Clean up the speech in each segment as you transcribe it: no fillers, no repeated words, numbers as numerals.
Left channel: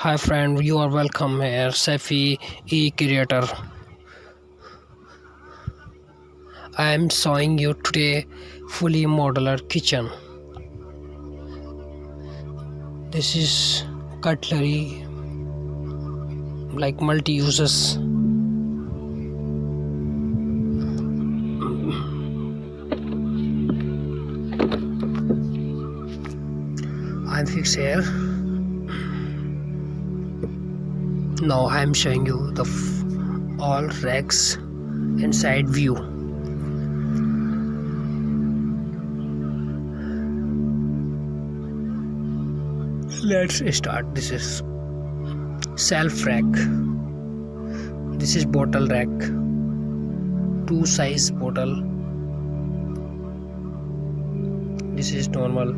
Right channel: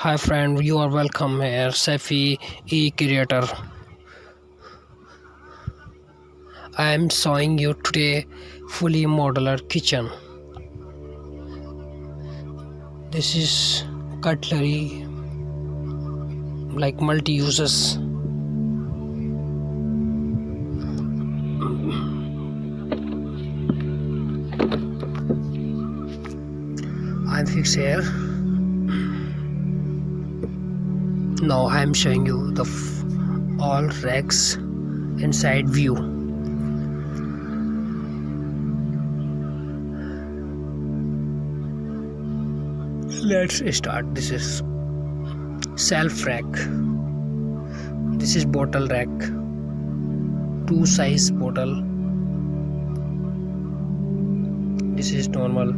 Hi friend, you are welcome here, Safi e-creator. I am showing you today fully modular kitchen. This is cutlery like multi-uses. I'm fixed here. Now I am showing you the all racks inside view. Let's start. This is shelf rack. This is bottle rack. Two size bottle. This is normal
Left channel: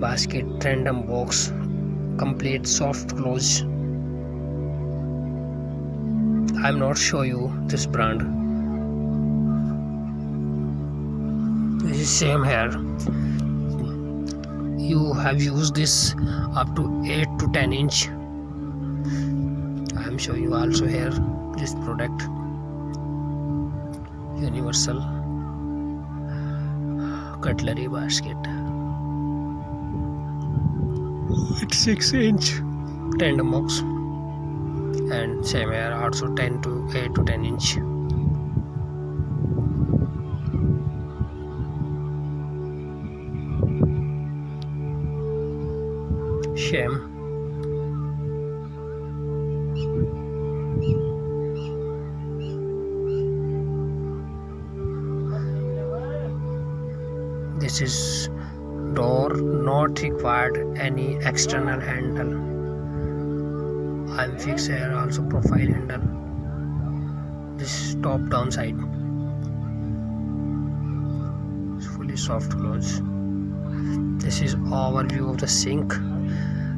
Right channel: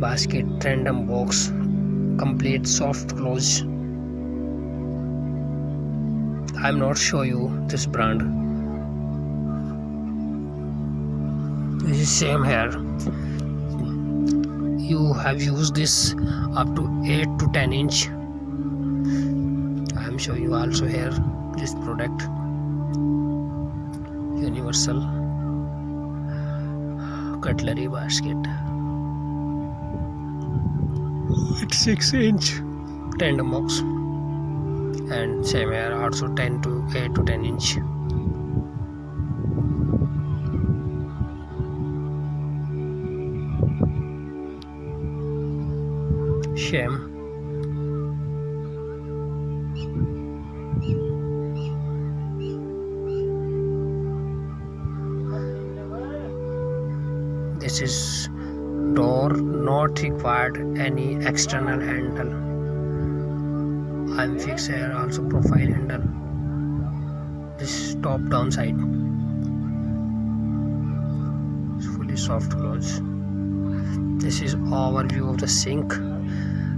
basket, random box, complete soft close. I'm not show you this brand. This is same here. You have used this up to 8 to 10 inch. I'm showing you also here this product. Universal cutlery basket. It's 6 inch tandem box. And same here also 10 to 8 to 10 inch. Same. This is door, not required any external handle. I'm fixed here also profile handle. This top down side. It's fully soft close. This is overview of the sink.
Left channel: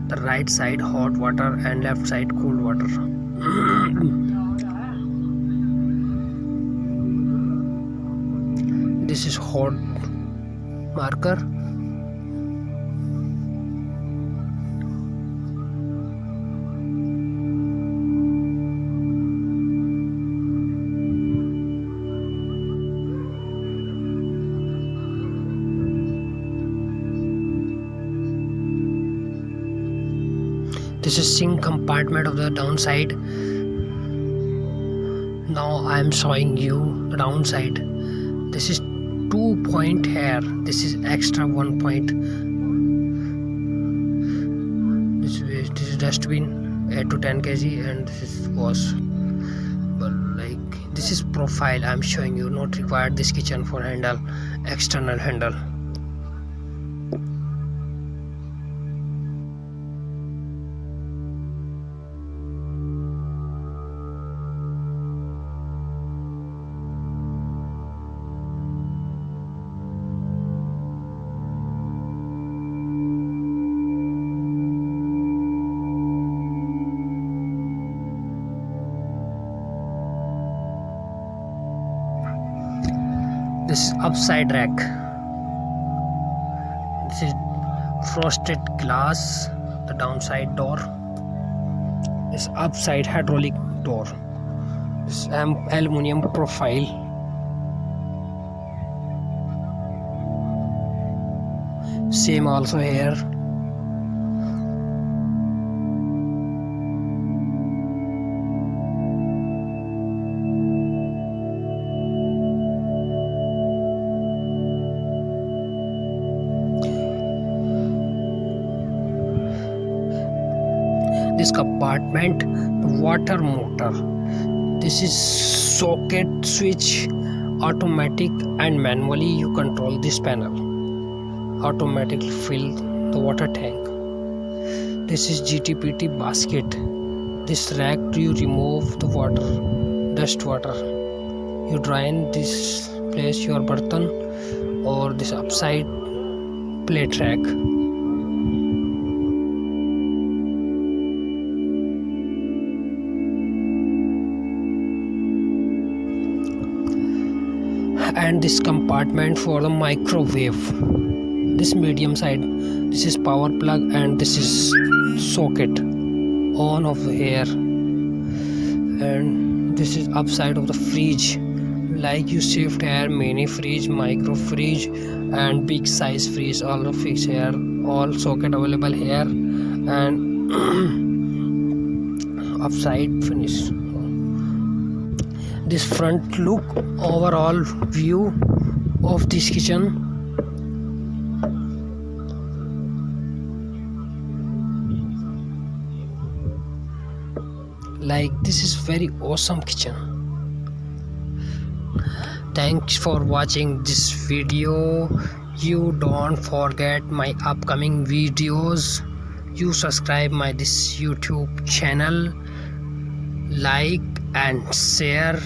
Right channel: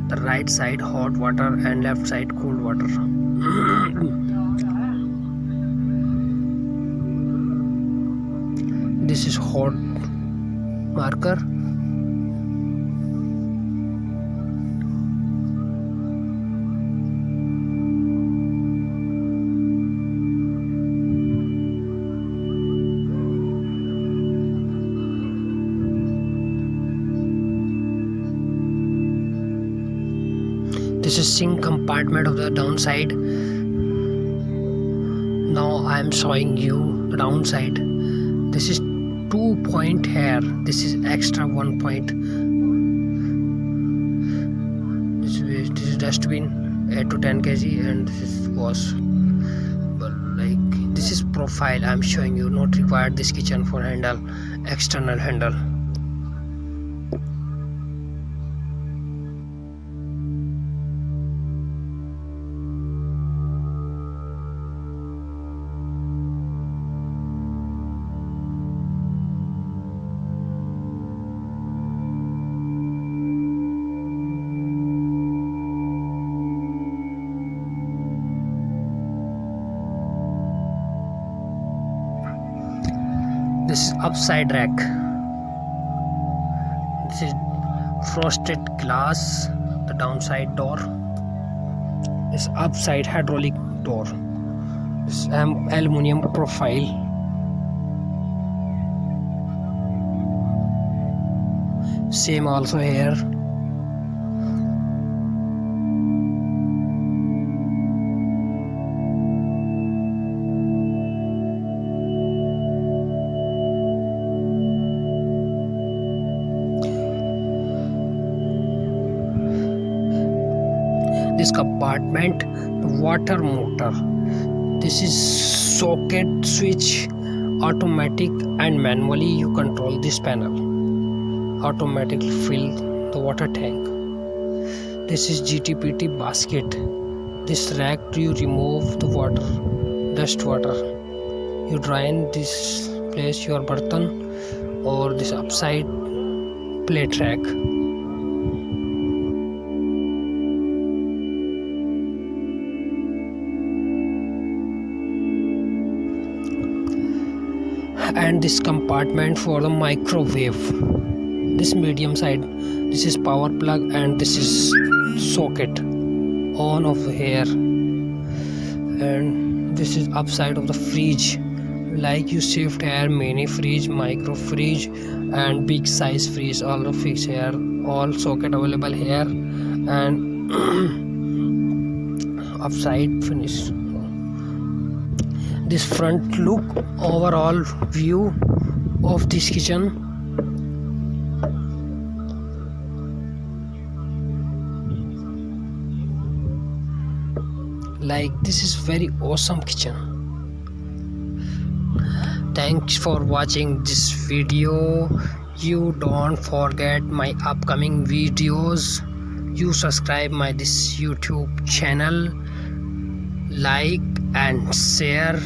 The right side hot water and left side cold water. This is hot marker. This is sink compartment of the downside. Now I am showing you the downside. This is 2 point here. This is extra 1 point. This is dustbin 8 to 10 kg and this is wash. But like this is profile. I am showing you. Not required this kitchen for handle, external handle. This is upside rack. This is frosted glass, the downside door. This upside hydraulic door. This aluminium profile. Same also here. This compartment, the water motor. This is socket switch, automatic and manually you control this panel. Automatically fill the water tank. This is GTPT basket. This rack you remove the water, dust water. You drain this place your burton or this upside plate rack. And this compartment for the microwave. This medium side, this is power plug and this is socket on of here. And this is upside of the fridge, like you shift here mini fridge, micro fridge and big size fridge, all the fixed here, all socket available here. And upside finish. This front look overall view of this kitchen. Like this is very awesome kitchen. Thanks for watching this video. You don't forget my upcoming videos. You subscribe my this YouTube channel, like and share.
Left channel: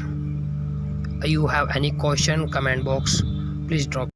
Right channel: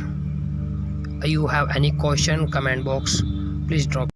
You have any question, comment box, please drop.